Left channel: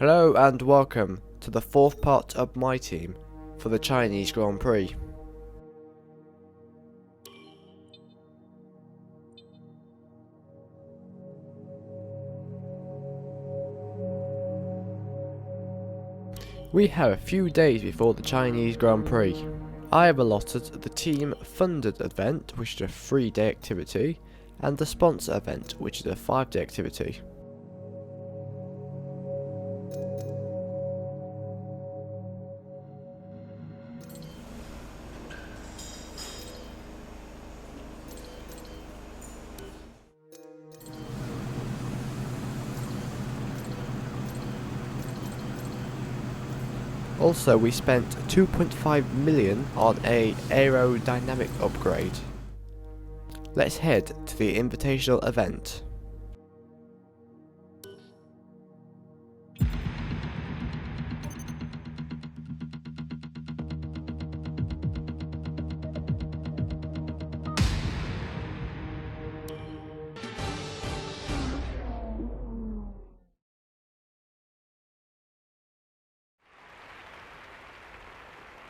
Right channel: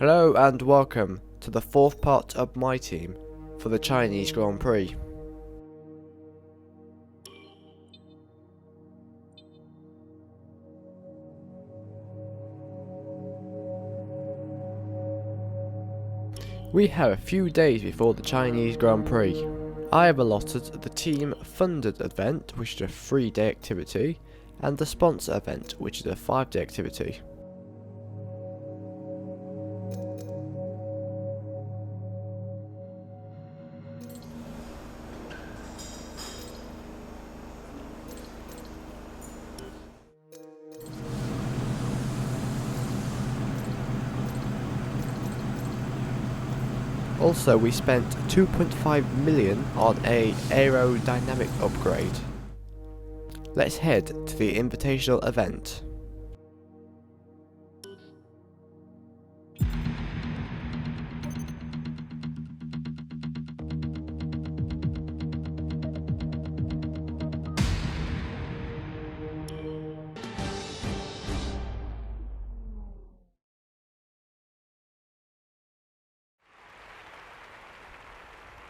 Hello and welcome to the fourth part of my team for the Chinese Grand Prix. We have a few days before the Chinese Grand Prix. I have allotted the team funded event, which is a 3-day activity, and the sponsor event, which is a 5-day activity. Also, we spent 2.5 million on a aerodynamic upgrade. Let's head to the invitational event.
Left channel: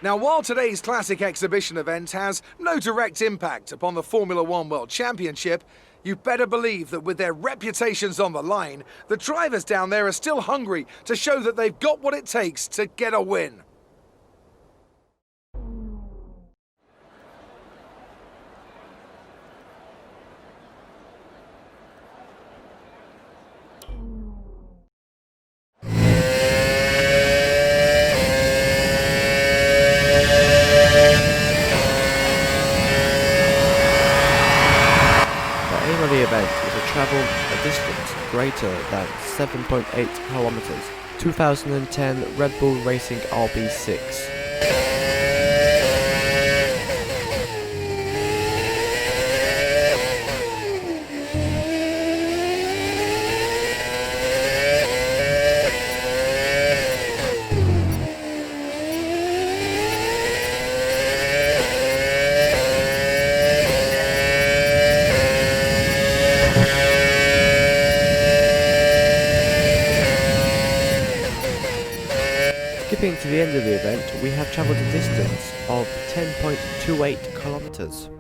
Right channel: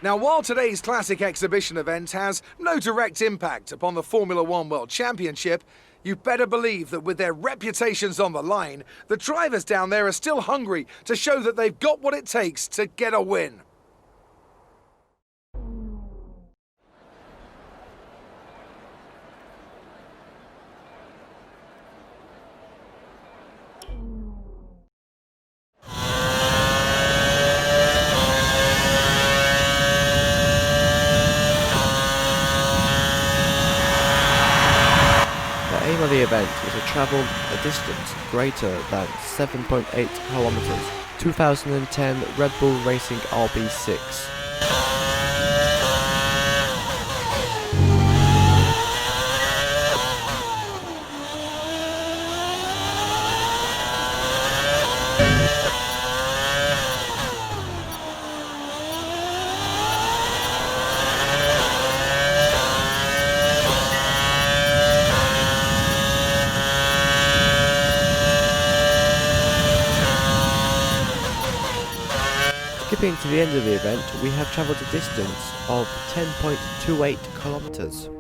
Now, while today's classic exhibition event has no direct impact upon the Formula One World Championship, you better believe that with their reputations on the line, the drivers down there are still hungry to show that they've got what it takes to get a win. The aim of the event is to travel a distance greater than 7.8 kilometers. 2010 Red Bull Racing RB6. Skipping to the end of the event, we have travelled a distance of 10.28 kilometers.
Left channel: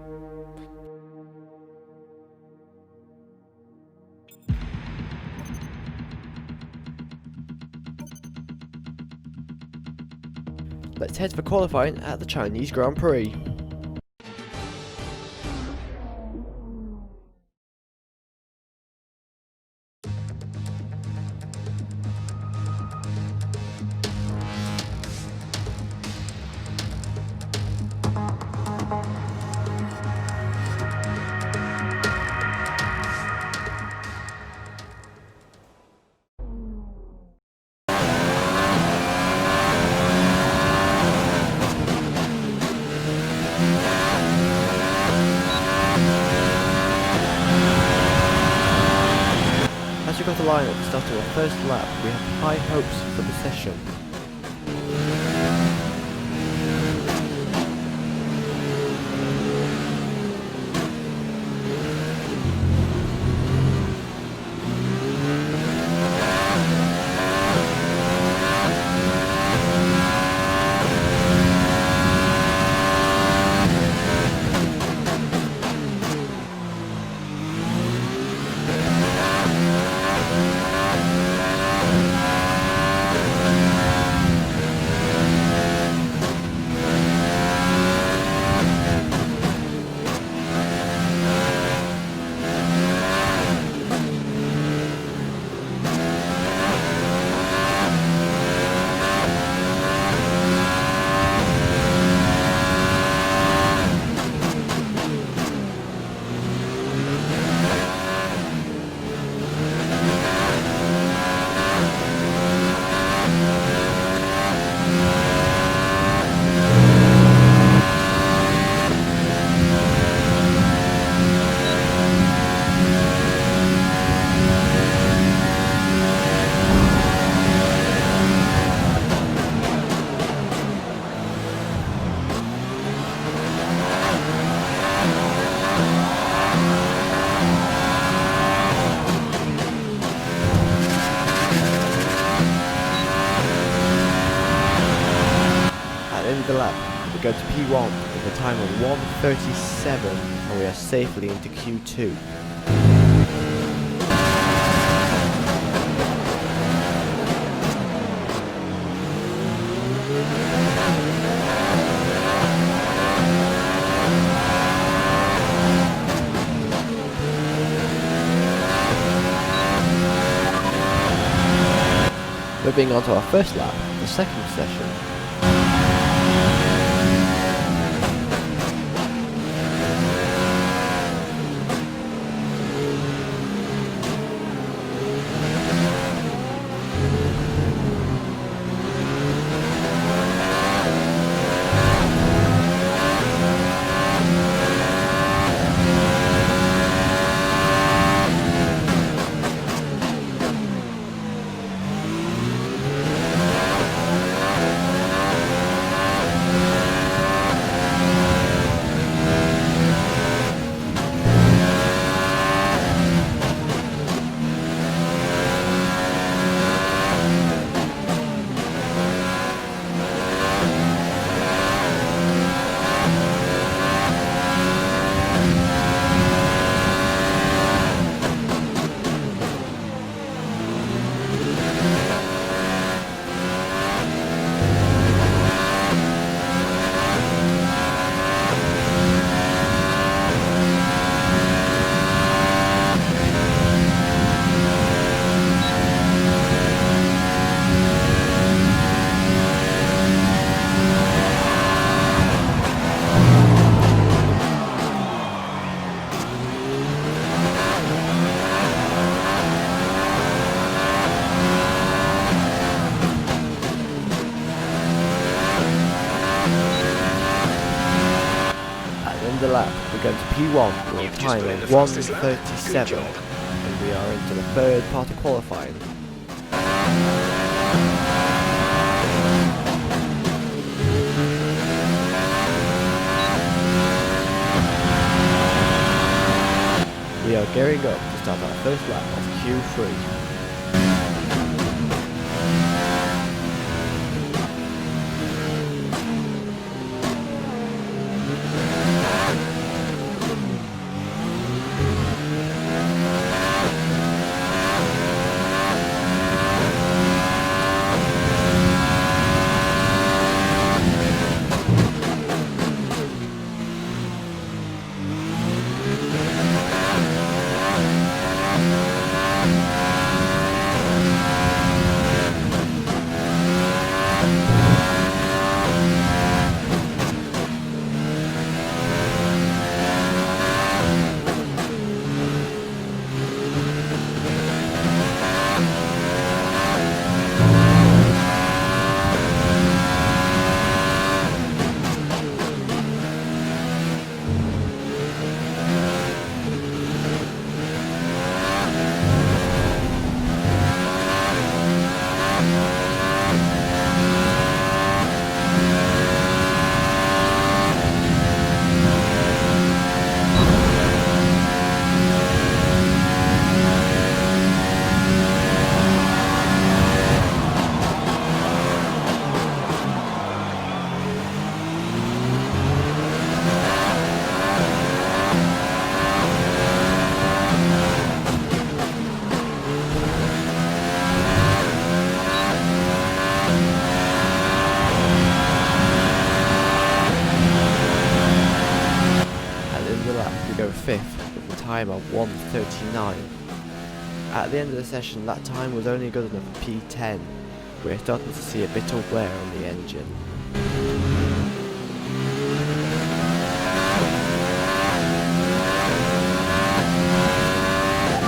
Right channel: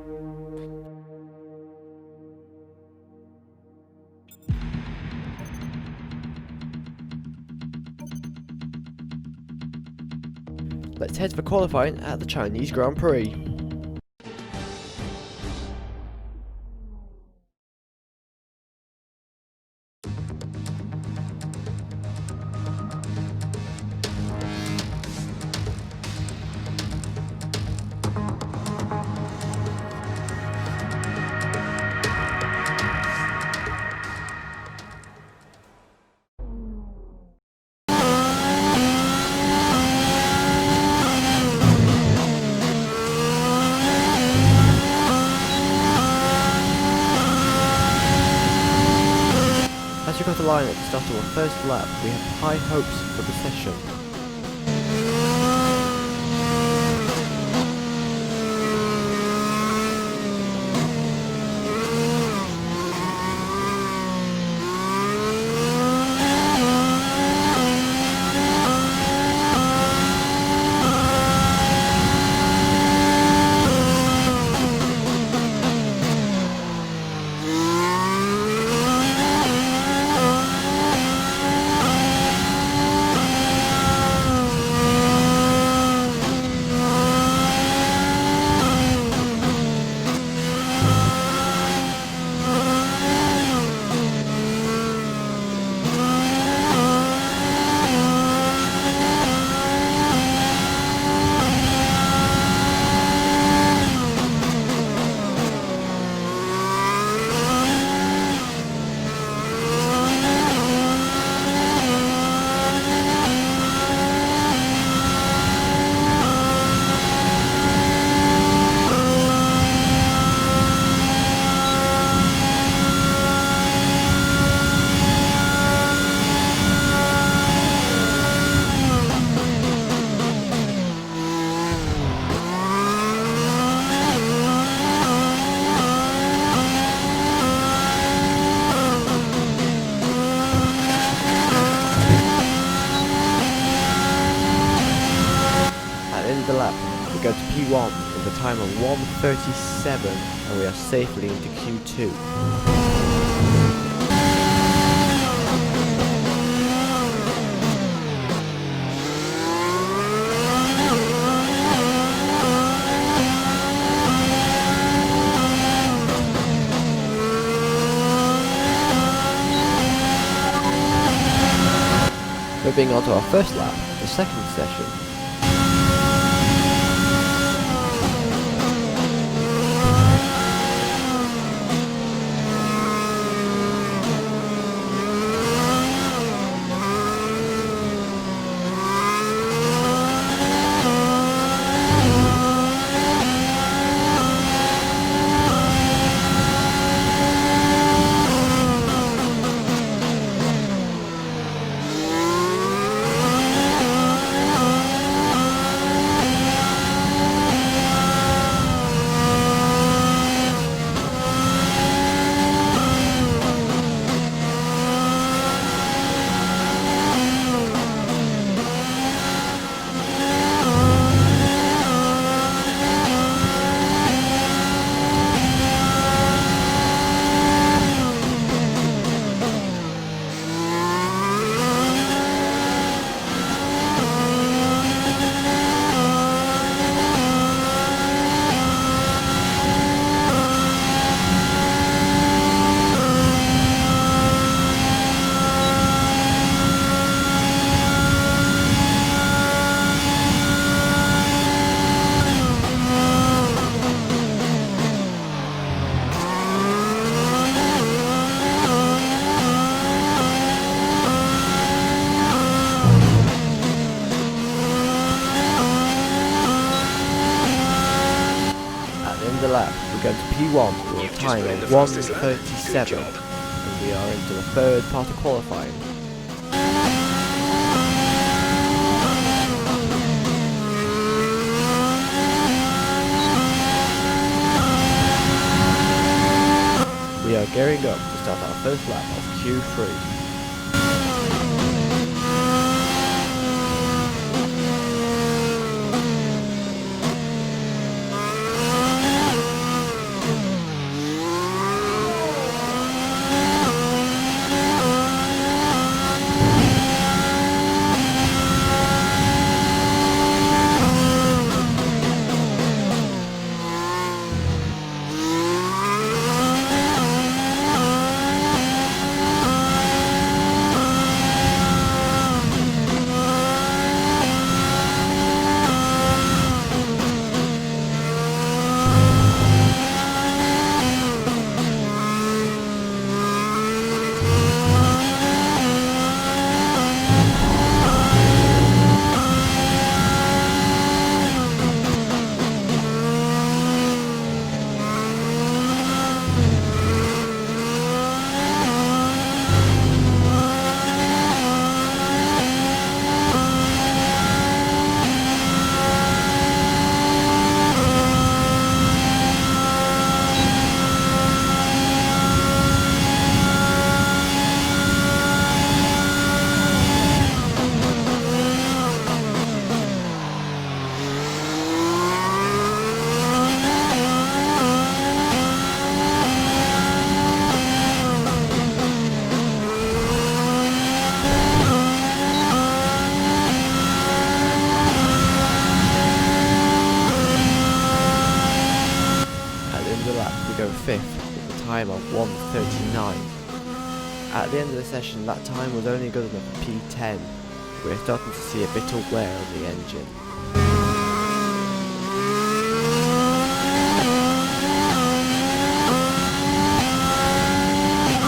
Let's head for qualifying at the Chinese Grand Prix. As we got the line at the start of our first lap, we have high hopes for the session. end of the lap, we go to P1 with a time of 1:37 and we are safely into Q2. Moving on to our first lap, the second session. The lap, we're going to P1 with a time of 1:37 and we are into the third part of qualifying. We are gearing up to start our first lap of Q3. In the lap, we go 5th with a time of 1:39. At the end of the session, that time was only good enough for P10. We're starting to see a bit of wear on the engine.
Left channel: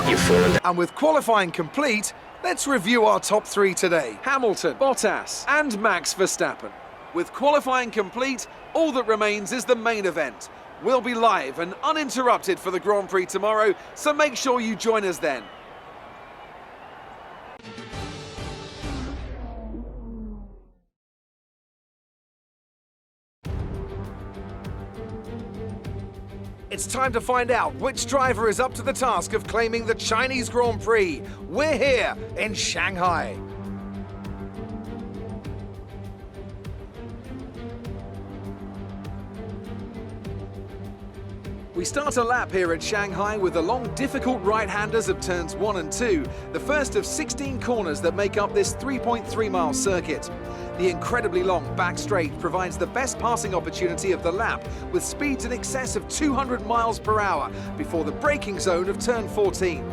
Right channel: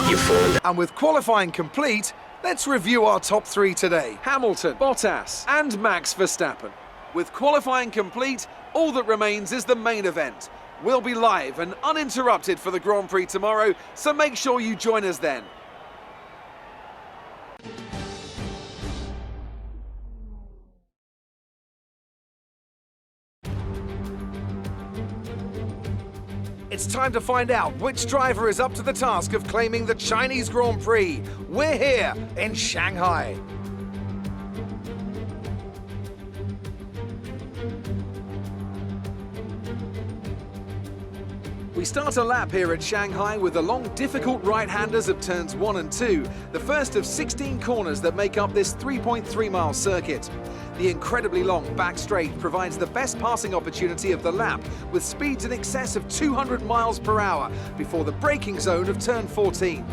You've fallen down. And with qualifying complete, let's review our top three today. Hamilton, Bottas and Max Verstappen. With qualifying complete, all that remains is the main event. We'll be live and uninterrupted for the Grand Prix tomorrow, so make sure you join us then. It's time to find out which driver is up to the task of claiming the Chinese Grand Prix. We're here in Shanghai. We start a lap here at Shanghai with the long, difficult right-handers of turns 1 and 2, the first of 16 corners that make up this 3.3-mile circuit. The incredibly long back straight provides the best passing opportunity of the lap, with speeds in excess of 200 miles per hour before the braking zone of turn 14.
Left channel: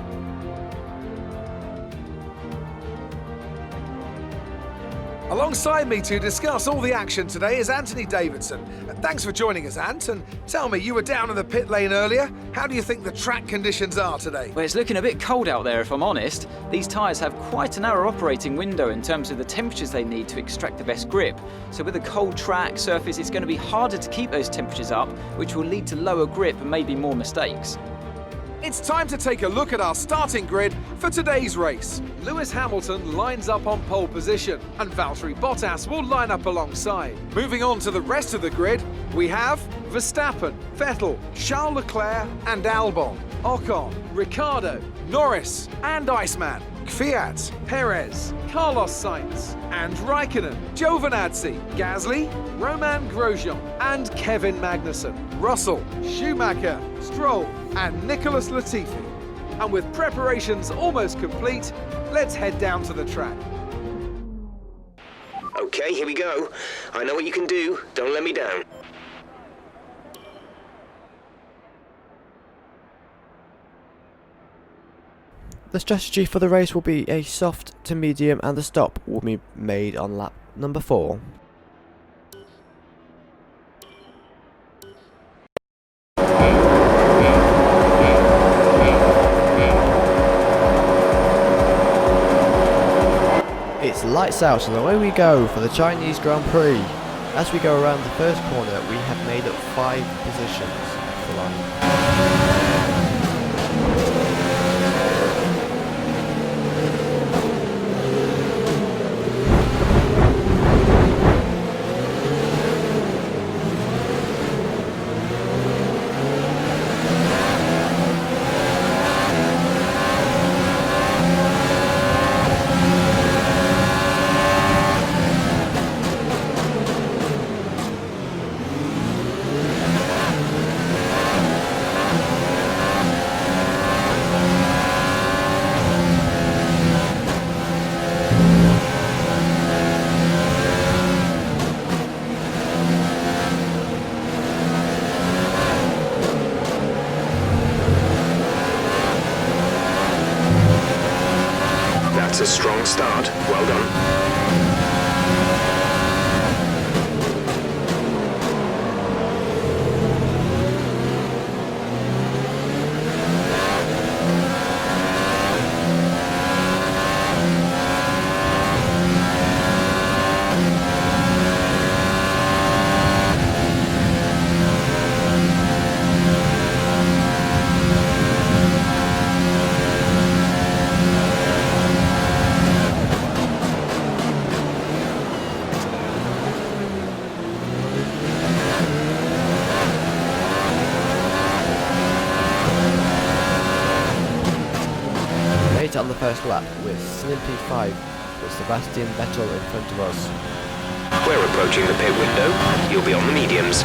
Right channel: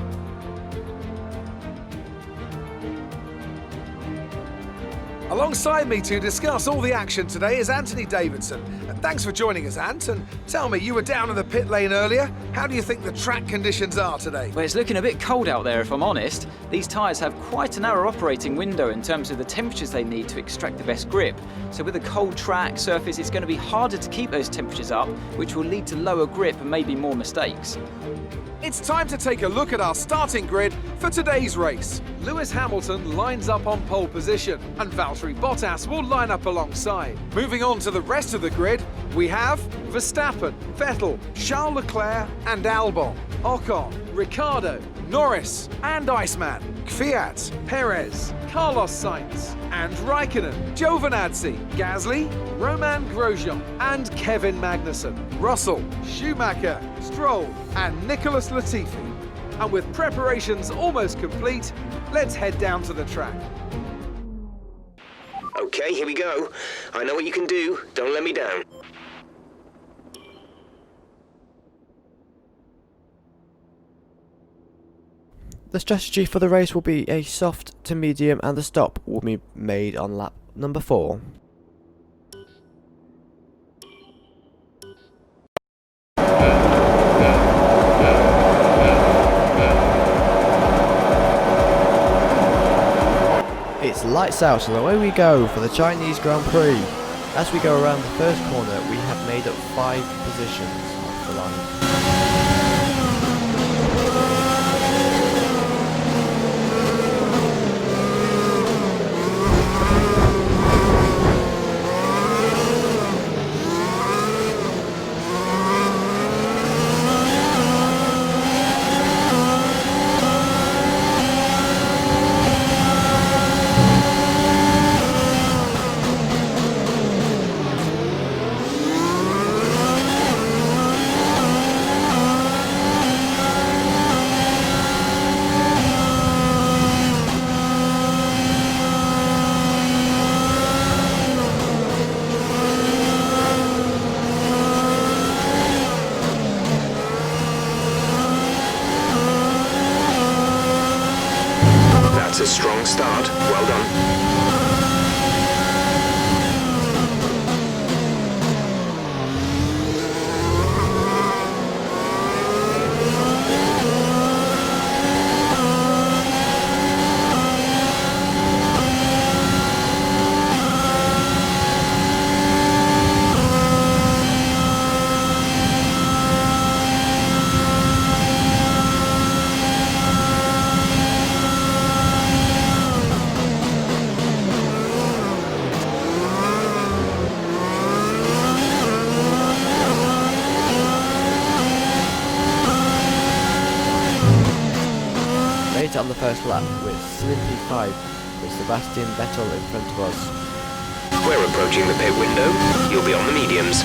Alongside me to discuss all the action today is Anthony Davidson. Thanks for joining us, Ant. And tell me, you were down in the pit lane earlier. How do you think the track conditions are today? Well, it's looking a bit cold out there, if I'm honest. These tyres have quite a narrow operating window in terms of the temperatures they need to extract the best grip. So with a cold track surface, it's going to be harder to keep those temperatures up, which will lead to lower grip and maybe more mistakes. It's time to take a look at our starting grid for today's race. Lewis Hamilton lines up on pole position, and Valtteri Bottas will line up alongside. Moving on to the rest of the grid, we have Verstappen, Vettel, Charles Leclerc and Albon, Ocon, Ricciardo, Norris and Iceman, Kvyat, Perez, Carlos Sainz and Raikkonen, Giovinazzi, Gasly, Romain Grosjean and Kevin Magnussen, Russell, Schumacher, Stroll and Nicholas Latifi. And with preparations almost complete, let's head down to the track. Okay, here we go. I know what you can do. Don't let me down. The strategy for the race will be a soft to medium, and the stop will be made on lap number 4. It's lights out and away we go for the Chinese Grand Prix. As we go around the first corner, we have made up 5 positions off the line. That's a strong start. Well done. Made it on the first lap with still in P5 with Sebastian Vettel in front of us. We're approaching the pit window. You'll be on the mediums.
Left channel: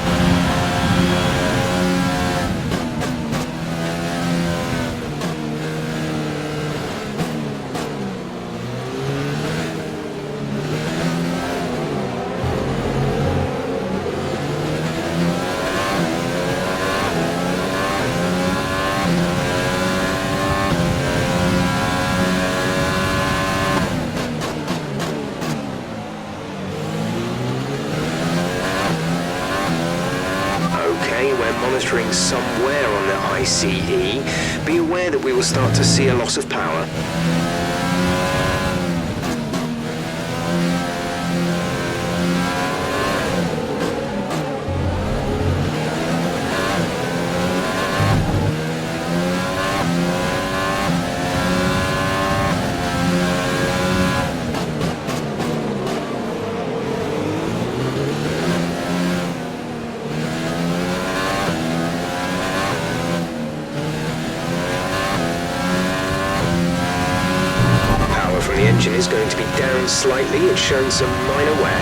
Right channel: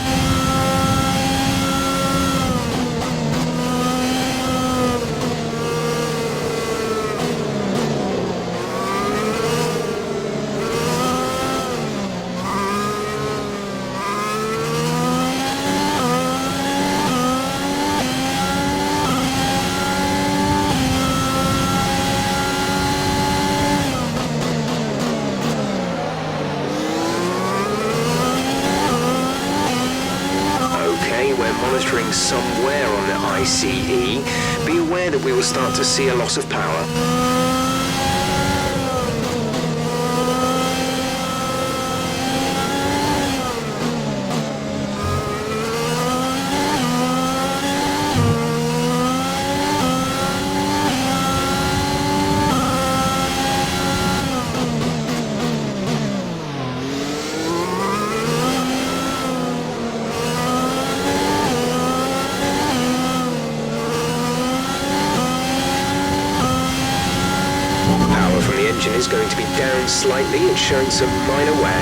Okay, we're monitoring somewhere on the ICE. Be aware that we will start to see a loss of power. From the engine is going to be down slightly. It's showing some minor wear.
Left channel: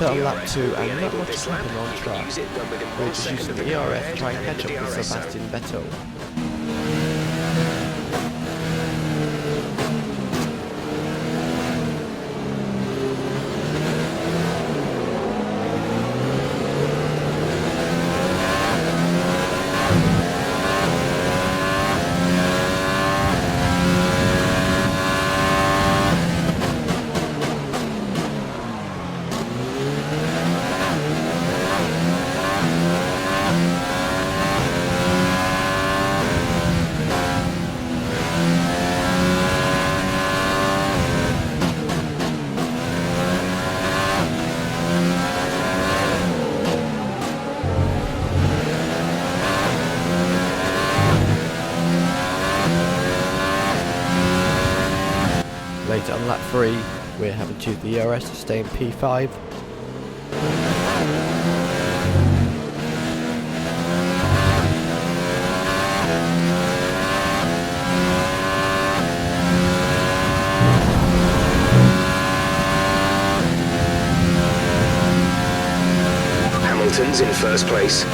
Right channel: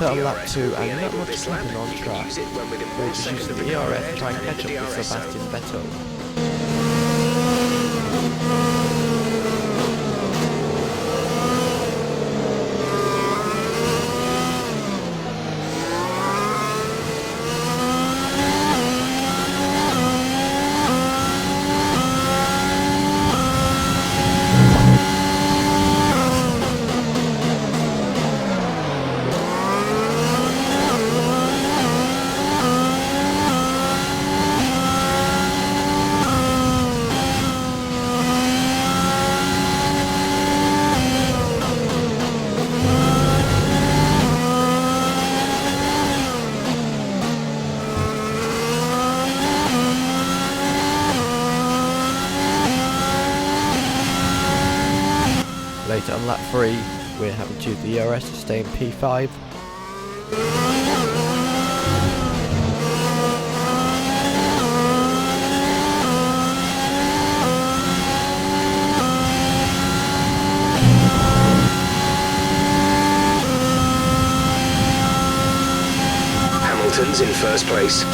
Later on lap 2, and not much is happening on track. We're just using the ERS to try and catch up with Sebastian Vettel. Later on lap 3, we're having to use the ERS to stay in P5. Hamilton's in first place.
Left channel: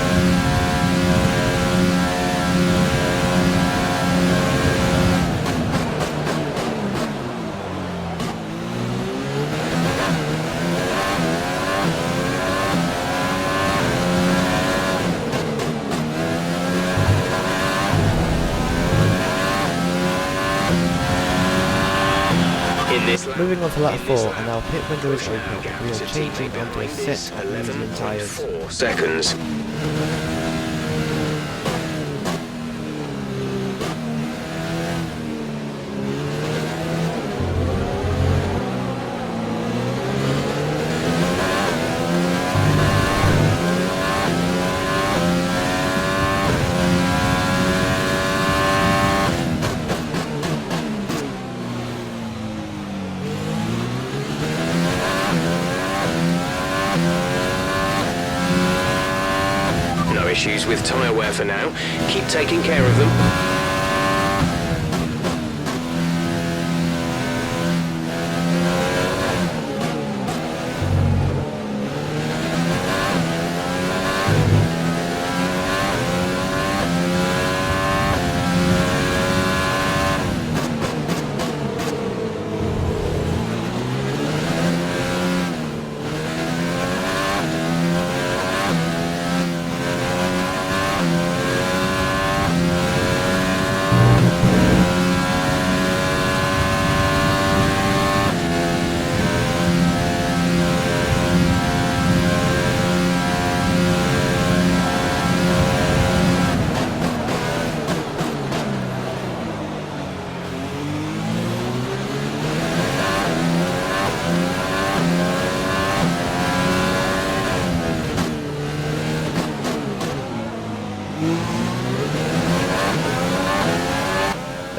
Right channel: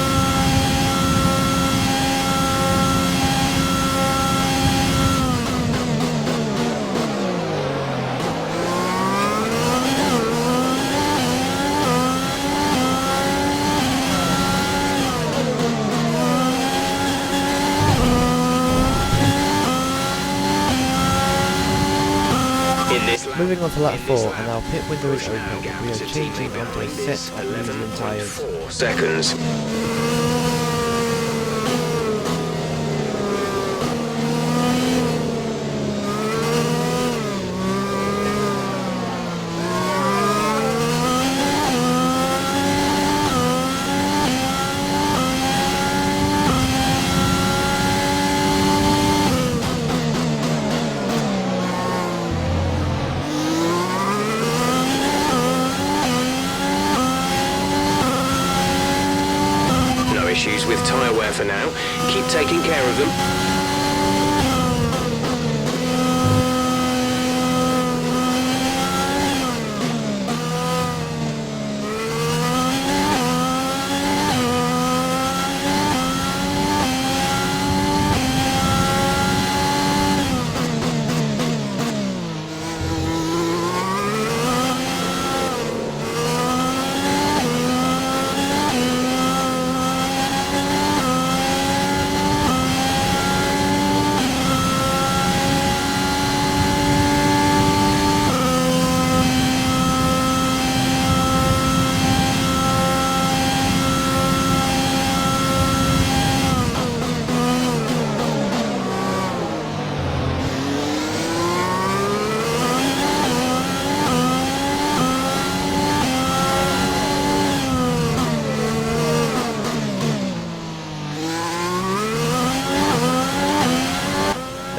Moving on to lap 4, and our pit window is open. We are changing onto a set of medium tyres. 4 seconds. No issues with tyre wear for now. Keep taking care of them.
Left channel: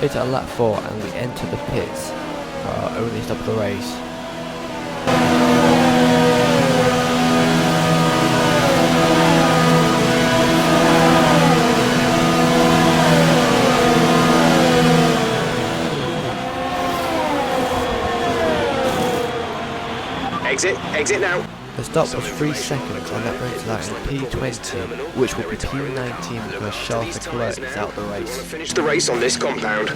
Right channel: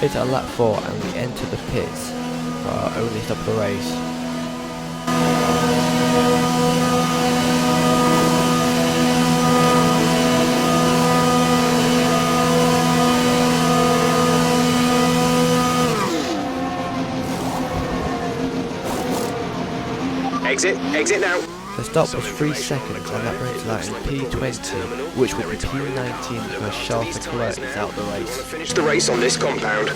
Later on lap 4, and we enter the pits for our only stop of the race. Exit now. The stop was 3 seconds, and that brings us out in P20, which will be P19 because Charles Leclerc is out the race. Finish the race on this compound.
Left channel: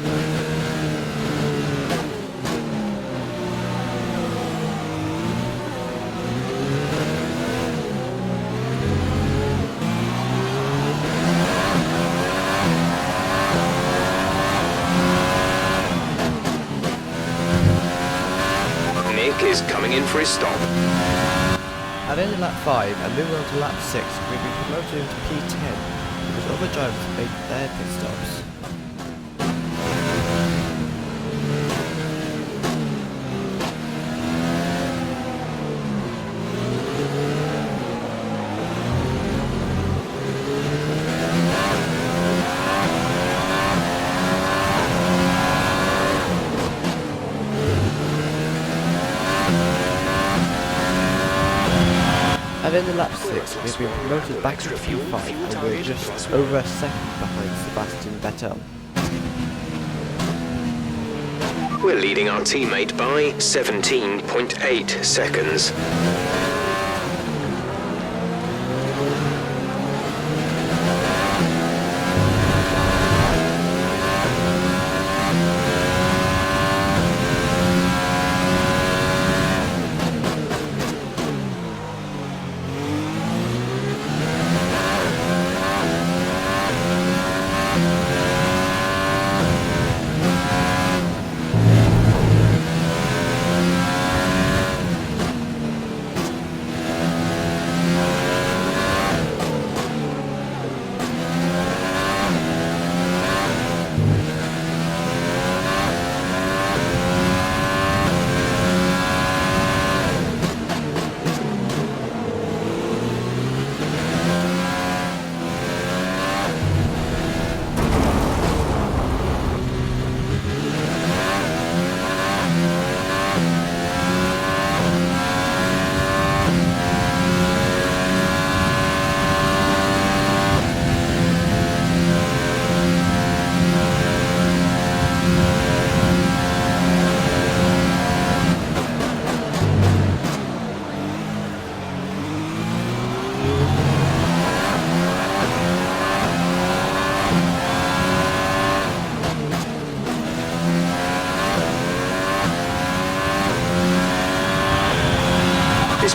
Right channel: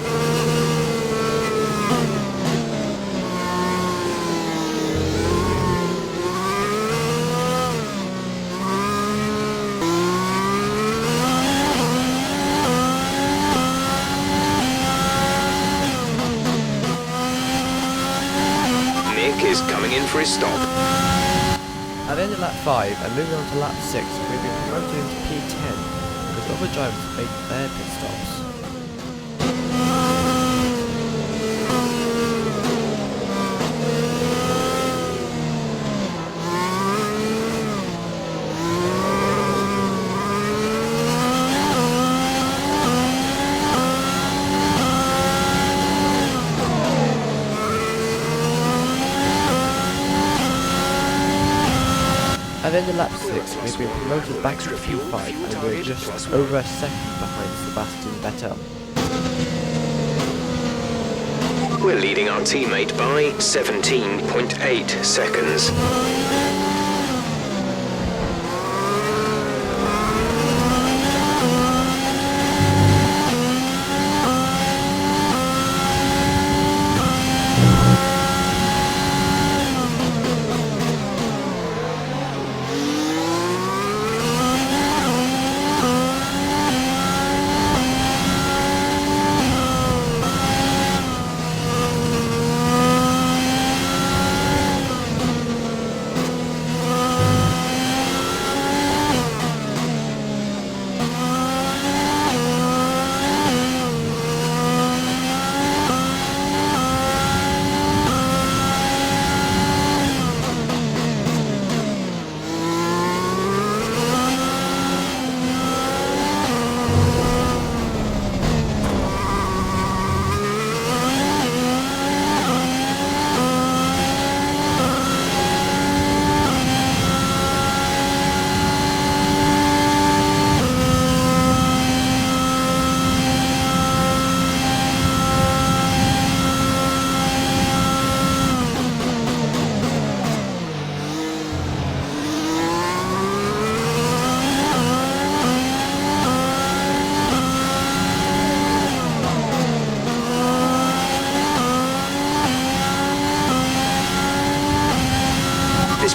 Nick is coming in for his stop. At the end of lap 5 and moving on to lap 6, we've been promoted into P10 because other drivers have made their pit stops. At the end of lap 6, we've been promoted back to P5 and we're just over a second behind Sebastian Vettel. We're leading our teammate by 17.8 seconds.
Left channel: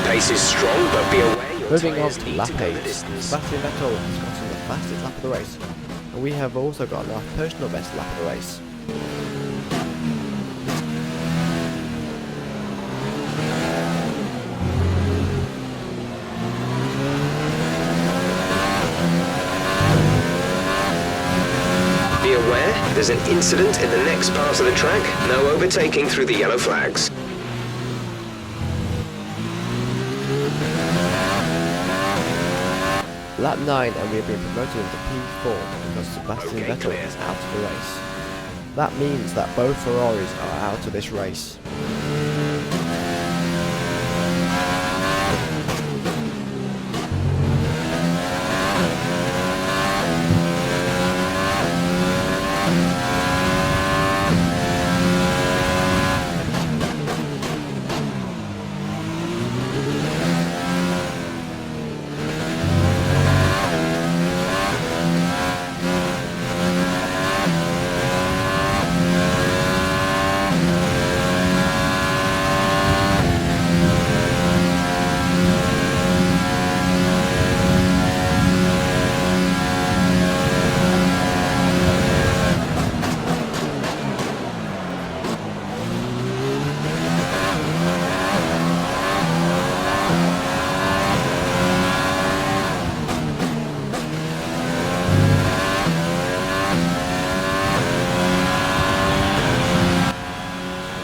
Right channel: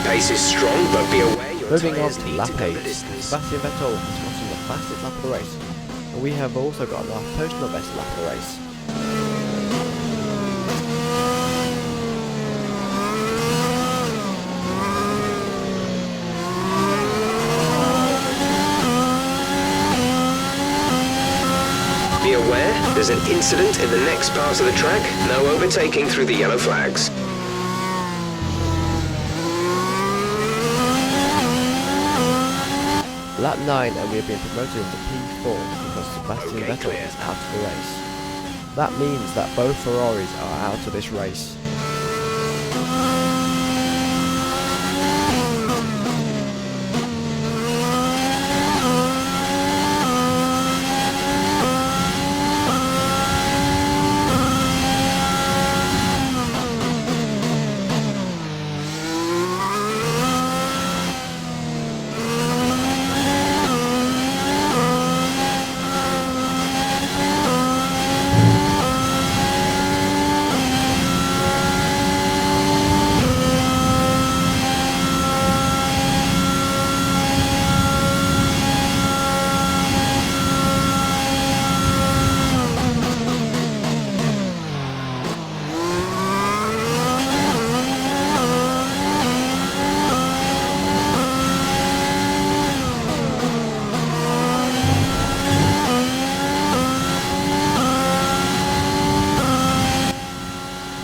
pace is strong, but be aware your Moving on tyres to need lap to cover 8, distance. Sebastian Vettel has gotten the fastest lap of the race, and we have also got our personal best lap of the race. Be aware, there's an incident in the next part of the track. No overtaking through the yellow flags. Lap 9 and we have been promoted into P4 because Sebastian Okay, Vettel clear. is out of the race. That means that both Ferraris are out of this race.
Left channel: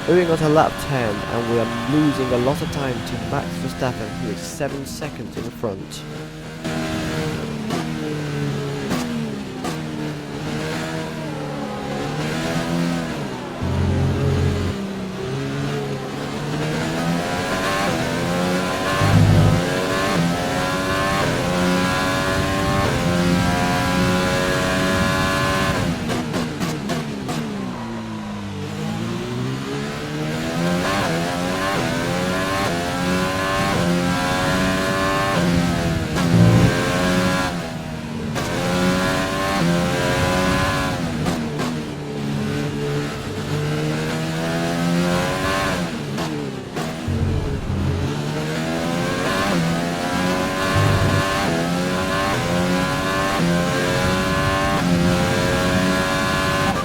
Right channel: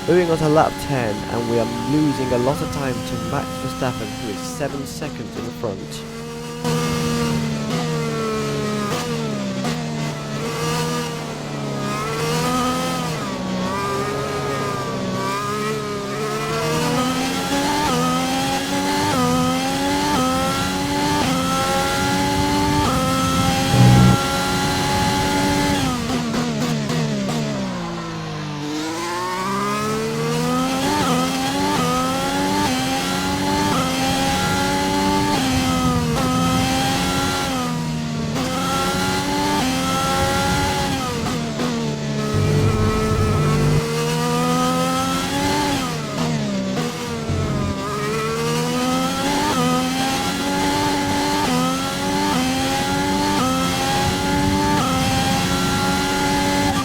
Moving on to lap 10 and we are losing a lot of time to Max Verstappen, who is 7 seconds in front.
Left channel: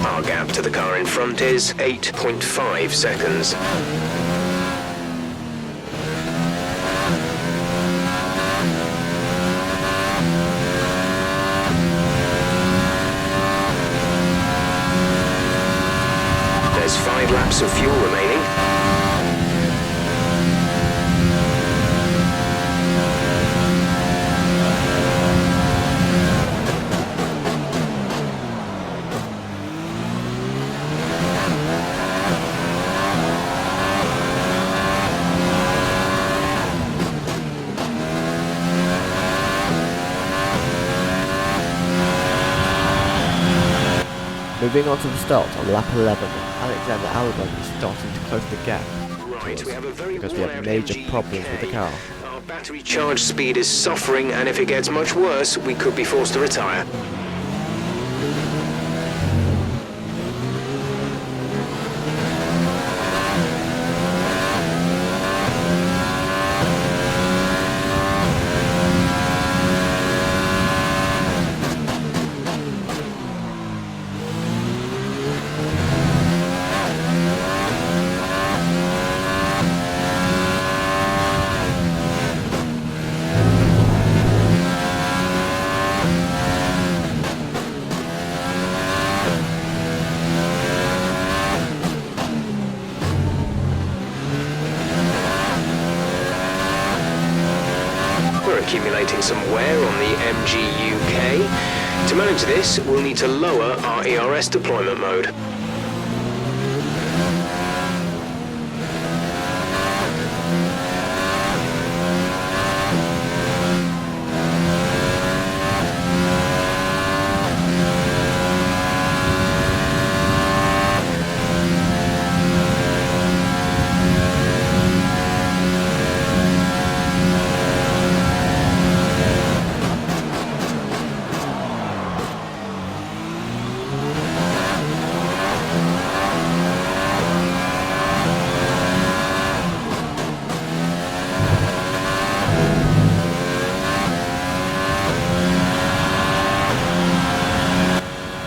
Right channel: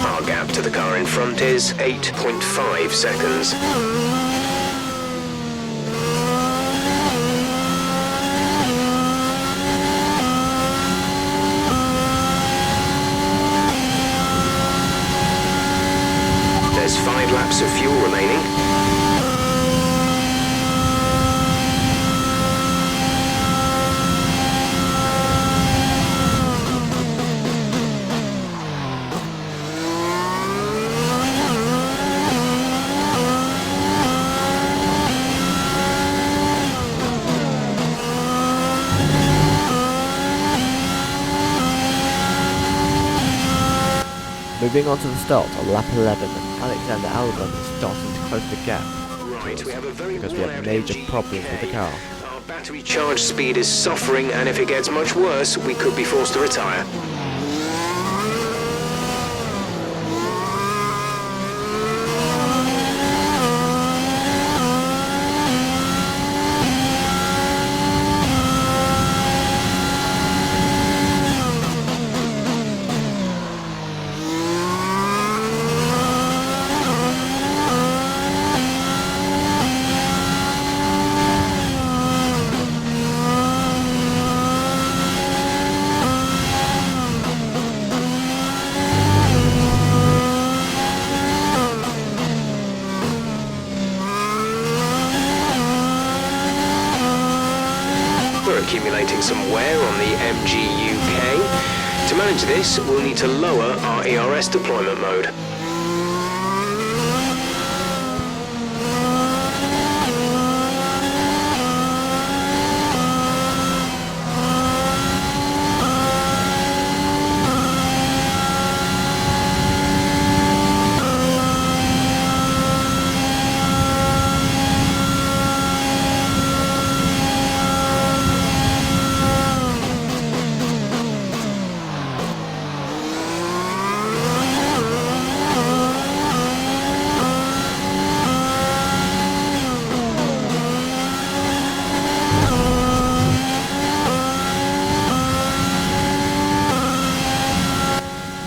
Our gap to the car in front is 8.5 seconds. There's 5 laps of fuel remaining. Moving on to the start on lap 11, Alexander Albon is starting to close the gap Right, we have a very because we have worn-out major MG problems with the car. Our battery charge speed is suffering, and if it gets much worse, we could be forced to retire. We're accumulating some wear on the MG UK. To manage this, we'll need to lower our ERS deployment mode.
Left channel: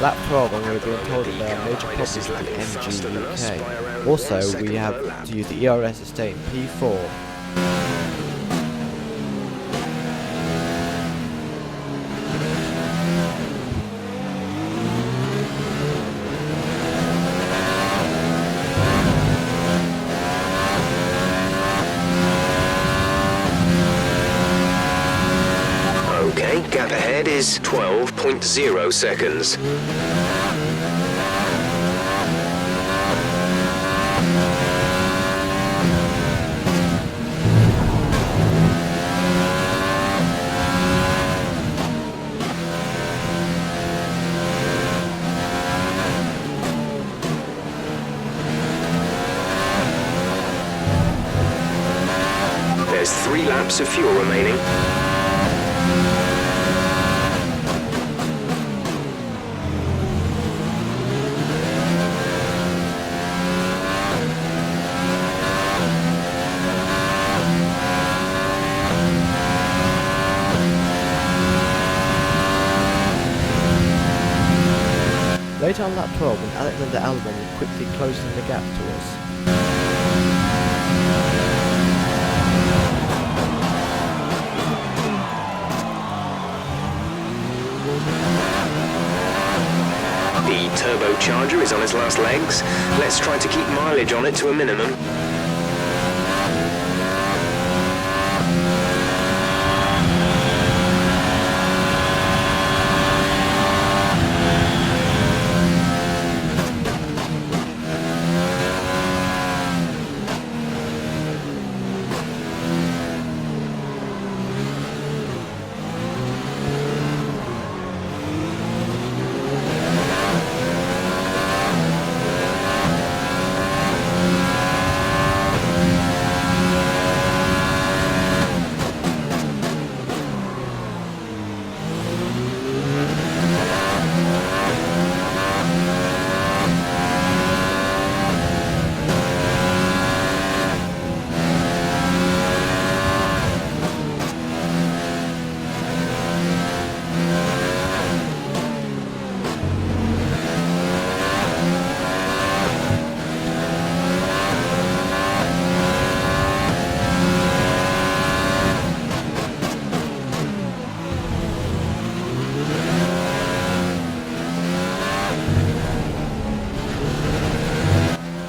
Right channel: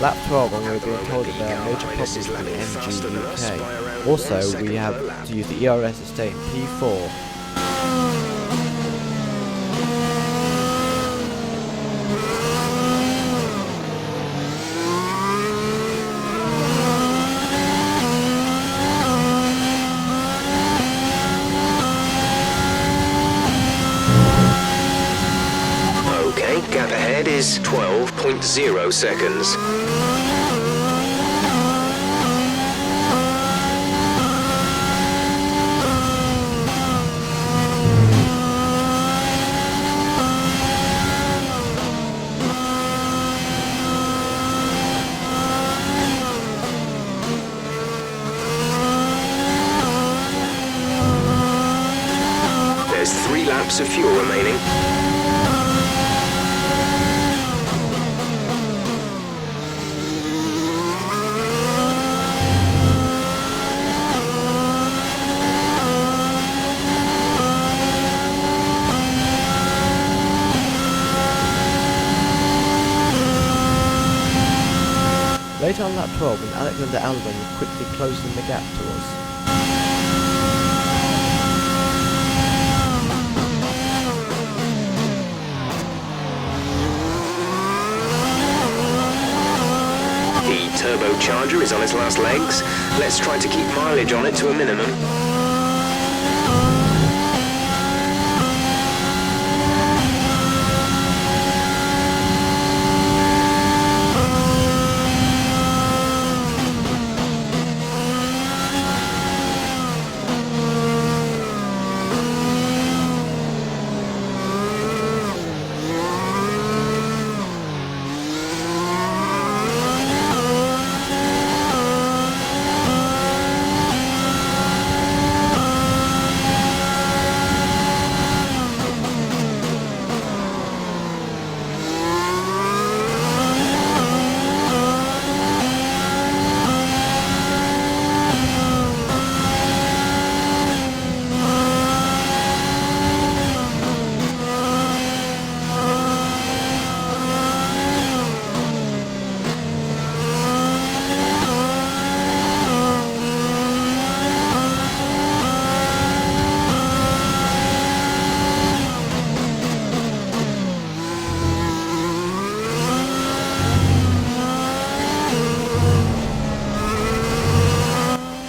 Lap 12 and we're being told that there are major problems with the MG UK. Also, we have to use the ERS to stay in P4. Okay, gap ahead is 12.0 seconds. There's 3 laps of fuel remaining. Later on lap 12 when Alexander Albon is quickly closing the gap to us. The turbocharger is on its last legs. Let's try to keep mileage on it to a minimum.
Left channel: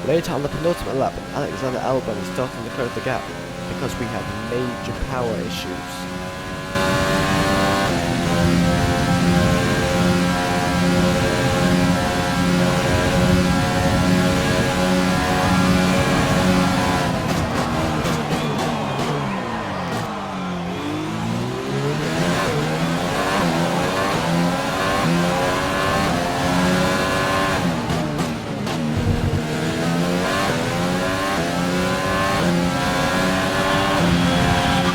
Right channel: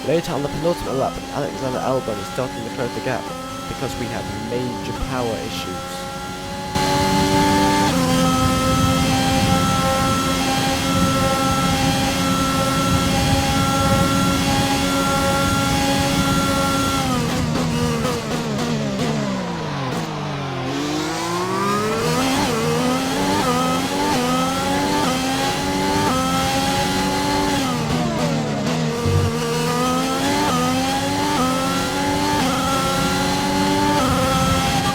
Later on the penultimate lap, Alexander Albon is starting to close the gap because we have major power issues.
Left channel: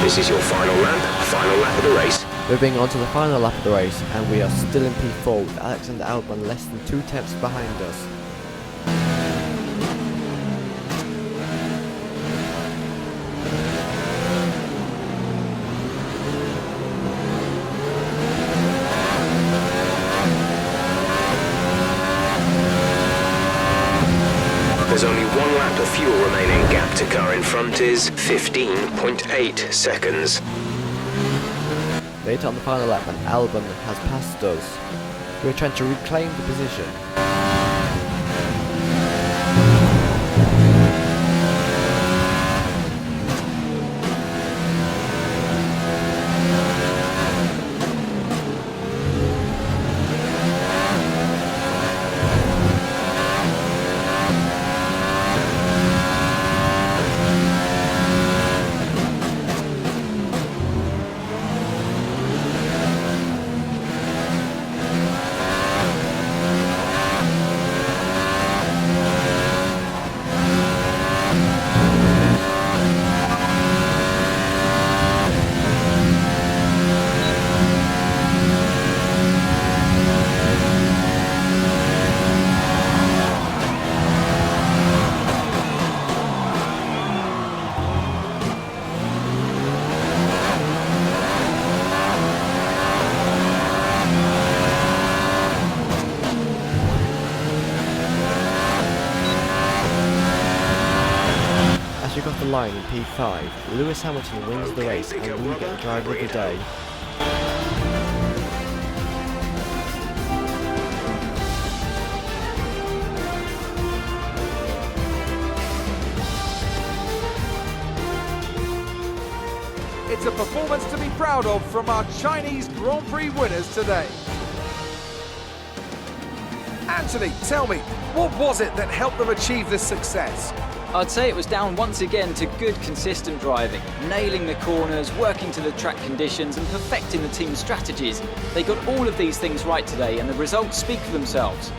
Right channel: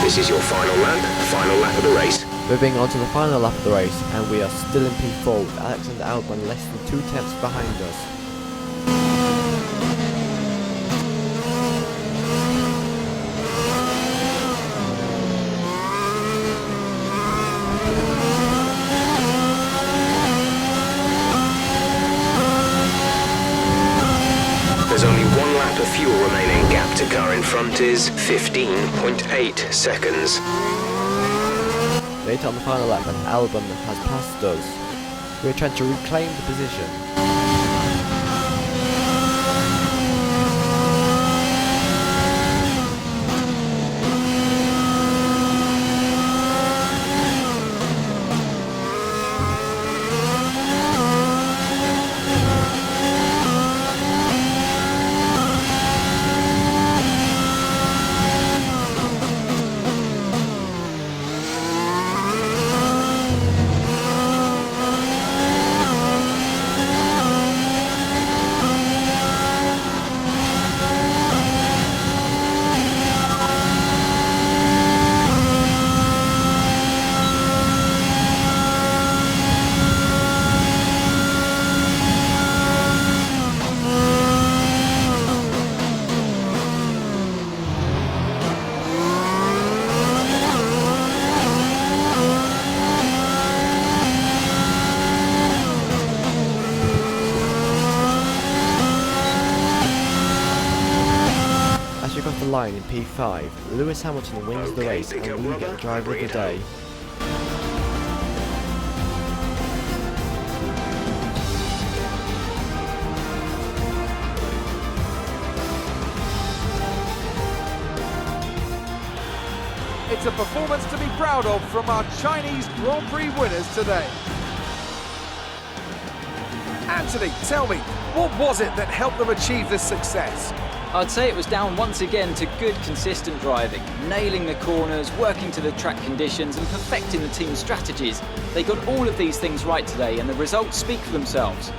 This is your final lap of the race. Moving on to the final lap of the race, and we are still in P4 with Alexander Albon less than 2 tenths behind us. There's only 1 lap of fuel remaining. Gap to car in front is 15.8 seconds. Later on the final lap, and Albon has passed us. We are trying to reclaim the position. the line in P5, Lewis Hamilton wins the race and we get the driver of the day. It's a performance to be proud of from our Chinese Grand Prix winners today. Anthony, tell me, what was it that helped them achieve this success? I'd say it was down once again to good, consistent driving, nailing the corners, working to the track conditions and perfecting the team's strategies. They got all of these things right today and the results speak for themselves.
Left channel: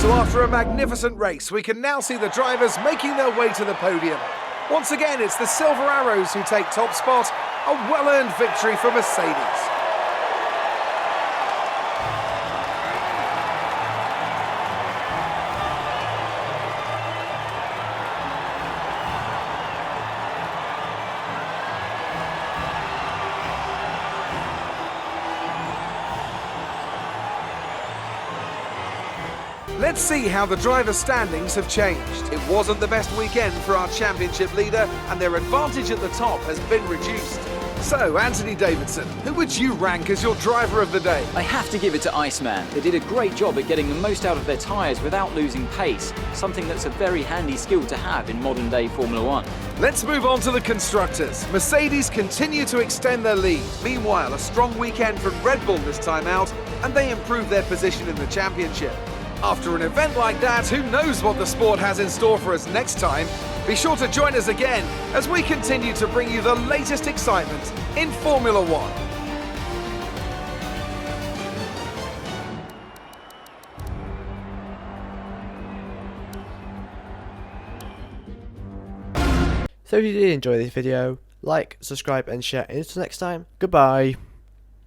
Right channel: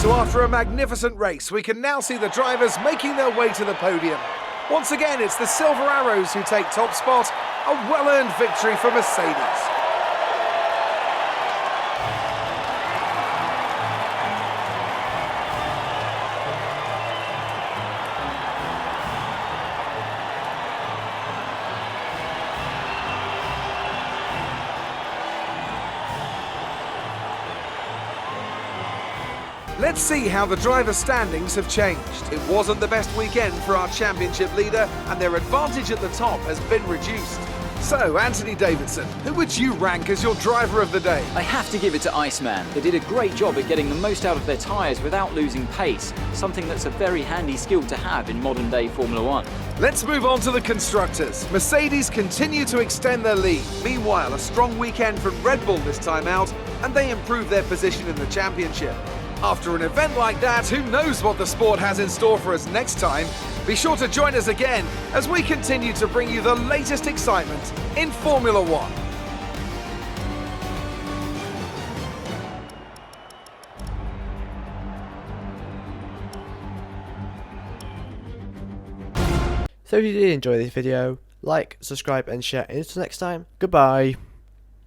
So after a magnificent race, we can now see the drivers making their way to the podium. Once again, it's the Silver Arrows who take top spot, a well-earned victory for Mercedes. Let's see how the driver standings have changed. It wasn't the best weekend for our championship leader, and their advantage at the top has been reduced. So, Anthony Davidson, who would you rank as your driver of the day? I have to give it to Iceman. They did a great job at getting the most out of their tyres without losing pace, something that's a very handy skill to have in modern day Formula One. Let's move on to the constructors. Mercedes continue to extend their lead. Meanwhile, a strong weekend from Red Bull this time out, and they improve their position in the championship. After an event like that, who knows what the sport has in store for us next time? Be sure to join us again as we continue to bring you the latest excitement in Formula One. So if you did enjoy this video, like, subscribe and share, and until next time, goodbye.